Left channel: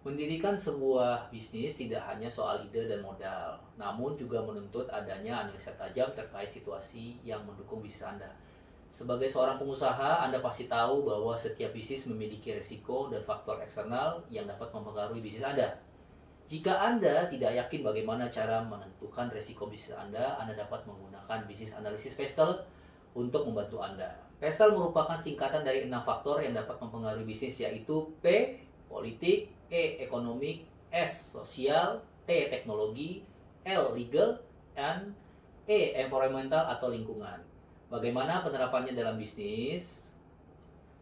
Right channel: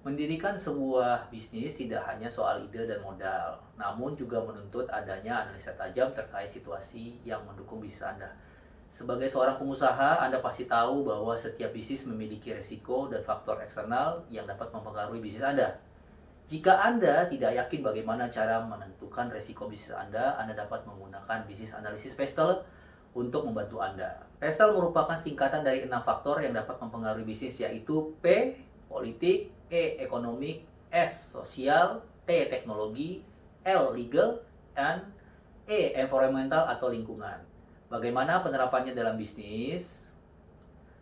Mendirikan sebuah bisnis tidak hanya soal ide dan modal, namun juga menuntut adanya analisa tajam terkait situasi yang mendukung bisnis Anda. Sebagai seorang pengusaha, Anda pasti tahu bahwa setiap bisnis memiliki risiko dan faktor eksternal yang dapat mempengaruhi bisnis Anda. Jika Anda tidak yakin bagaimana cara menentukan risiko bisnis Anda dapat menggunakan bisnis analisis Pestel untuk membantu Anda. Pestel merupakan singkatan dari 6 faktor yang dapat mempengaruhi bisnis, yaitu P, politik, E, ekonomi, S, sosial, T, teknologi, L, legal, dan E, environmental atau lingkungan. Bagaimana penerapannya dalam bisnis?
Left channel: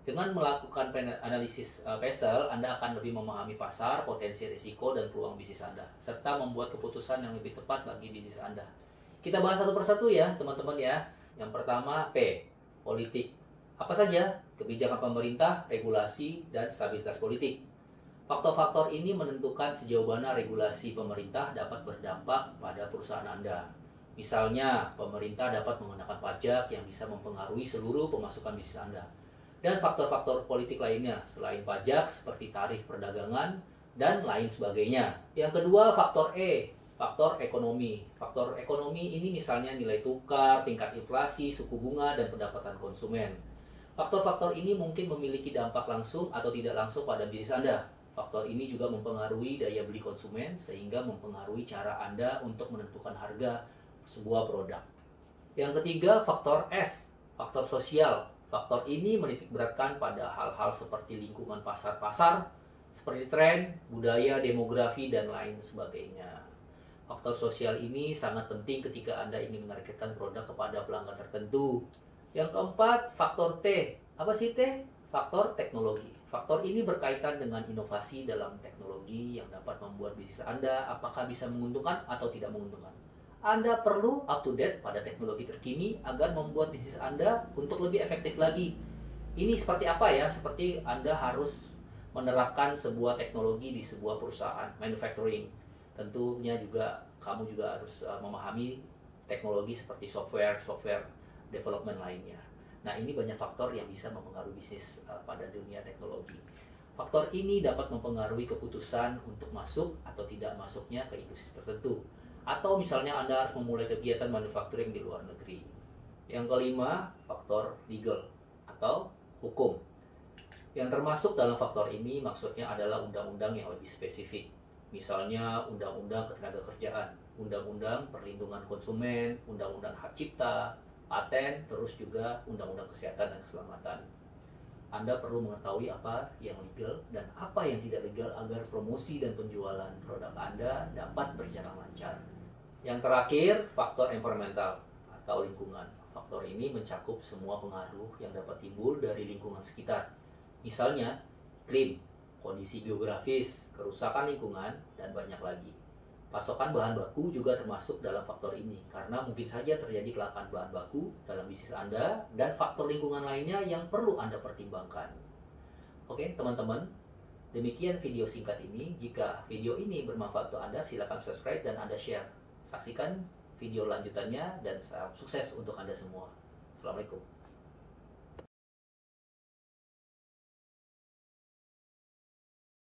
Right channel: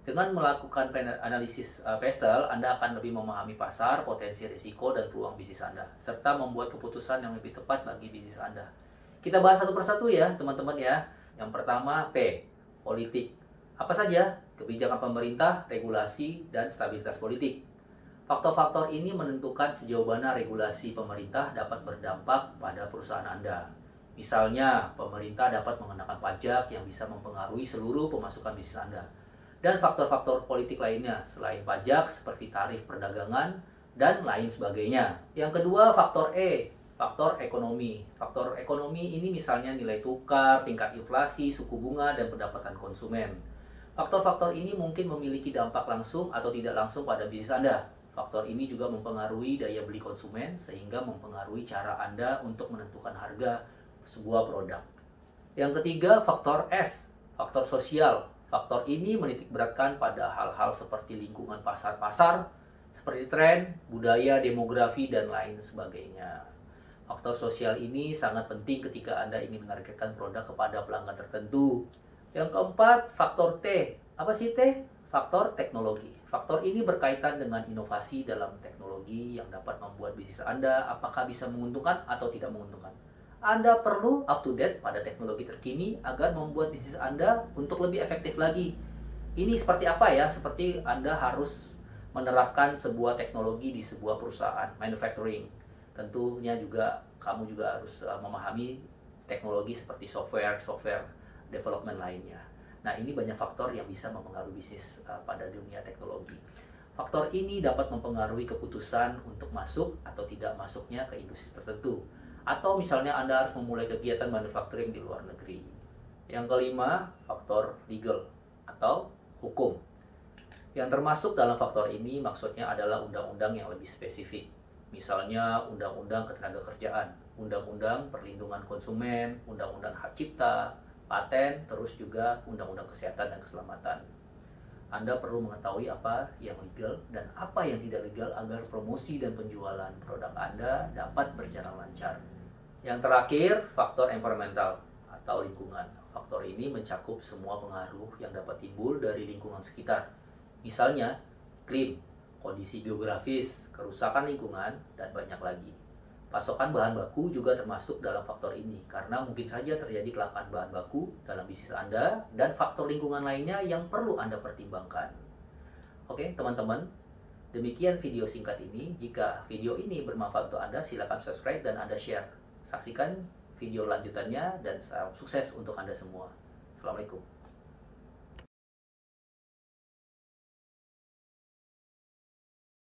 Dengan melakukan analisis Pestel, Anda akan lebih memahami pasar, potensi risiko, dan peluang bisnis Anda, serta membuat keputusan yang lebih tepat bagi bisnis Anda. Kita bahas satu persatu ya, teman-teman ya. Yang pertama, P, politik. Apa saja? Kebijakan pemerintah, regulasi, dan stabilitas politik. Faktor-faktor ini menentukan sejauh mana regulasi pemerintah dapat berdampak pada perusahaan Anda. Misalnya, pemerintah dapat mengenakan pajak yang bisa mempengaruhi seluruh pemasukan bisnis Anda. Dan faktor-faktor politik lainnya selain pajak seperti tarif perdagangan dan lain sebagainya. Yang kedua, faktor E, faktor ekonomi. Faktor ekonomi ini misalnya nilai tukar, tingkat inflasi, suku bunga, dan pendapatan konsumen. Faktor-faktor ini mungkin memiliki dampak langsung atau tidak langsung pada bisnis Anda. Faktor ini juga mempengaruhi daya beli konsumen sehingga mempengaruhi cara Anda untuk menentukan harga sebuah produk. Yang ketiga, faktor S, faktor sosial. Faktor ini menitikberatkan pada hal-hal seperti lingkungan pasar-pasar, seperti tren, budaya, demografi, dan lain sebagainya. Faktor sosial ini sangat penting ketika Anda ingin menargetkan produk kepada pelanggan tertentu. Yang keempat, faktor T. Apa sih T? Faktor teknologi. Faktor ini berkaitan dengan inovasi dalam teknologi yang dapat membuat bisnis Anda apakah bisa menguntungkan atau tidak menguntungkan. Anda perlu up to date pada teknologi terkini agar membuat bisnis Anda untuk lebih efektif lagi. Ini seperti apa ya? Seperti Anda harus menerapkan sebuah teknologi di sebuah perusahaan manufacturing. Tentunya juga kamu juga harus memahami teknologi seperti software development lainnya. Nah, ini banyak faktor yang bisa mempengaruhi bisnis pada dunia teknologi. Faktor ini dapat mempengaruhi keputusan untuk masuk atau tidak masuknya ke industri tertentu. Atau misalnya Anda harus memulai kegiatan manufacturing di luar negeri. Yang kelima, faktor legal atau hukum. Yang termasuk dalam faktor ini maksudnya adalah undang-undang yang lebih spesifik. Misalnya undang-undang ketenagakerjaan, undang-undang perlindungan konsumen, undang-undang hak cipta, paten, terus juga undang-undang kesehatan dan keselamatan. Anda perlu mengetahui apa yang legal dan apa yang tidak legal agar promosi dan penjualan produk Anda dapat berjalan lancar. Yang terakhir, faktor environmental atau lingkungan. Faktor ini mencakup semua pengaruh yang dapat timbul dari lingkungan sekitar. Misalnya, iklim, kondisi geografis, kerusakan lingkungan, dan banyak lagi. Pasokan bahan baku juga termasuk dalam faktor ini, karena mungkin saja terjadi kelangkaan bahan baku dalam bisnis Anda dan faktor lingkungan lainnya yang perlu Anda pertimbangkan. Oke, teman-teman, demikian video singkat ini. Jika video ini bermanfaat untuk Anda, silakan subscribe dan Anda share. Saksikan video lanjutannya dan salam sukses untuk Anda semua. Assalamualaikum.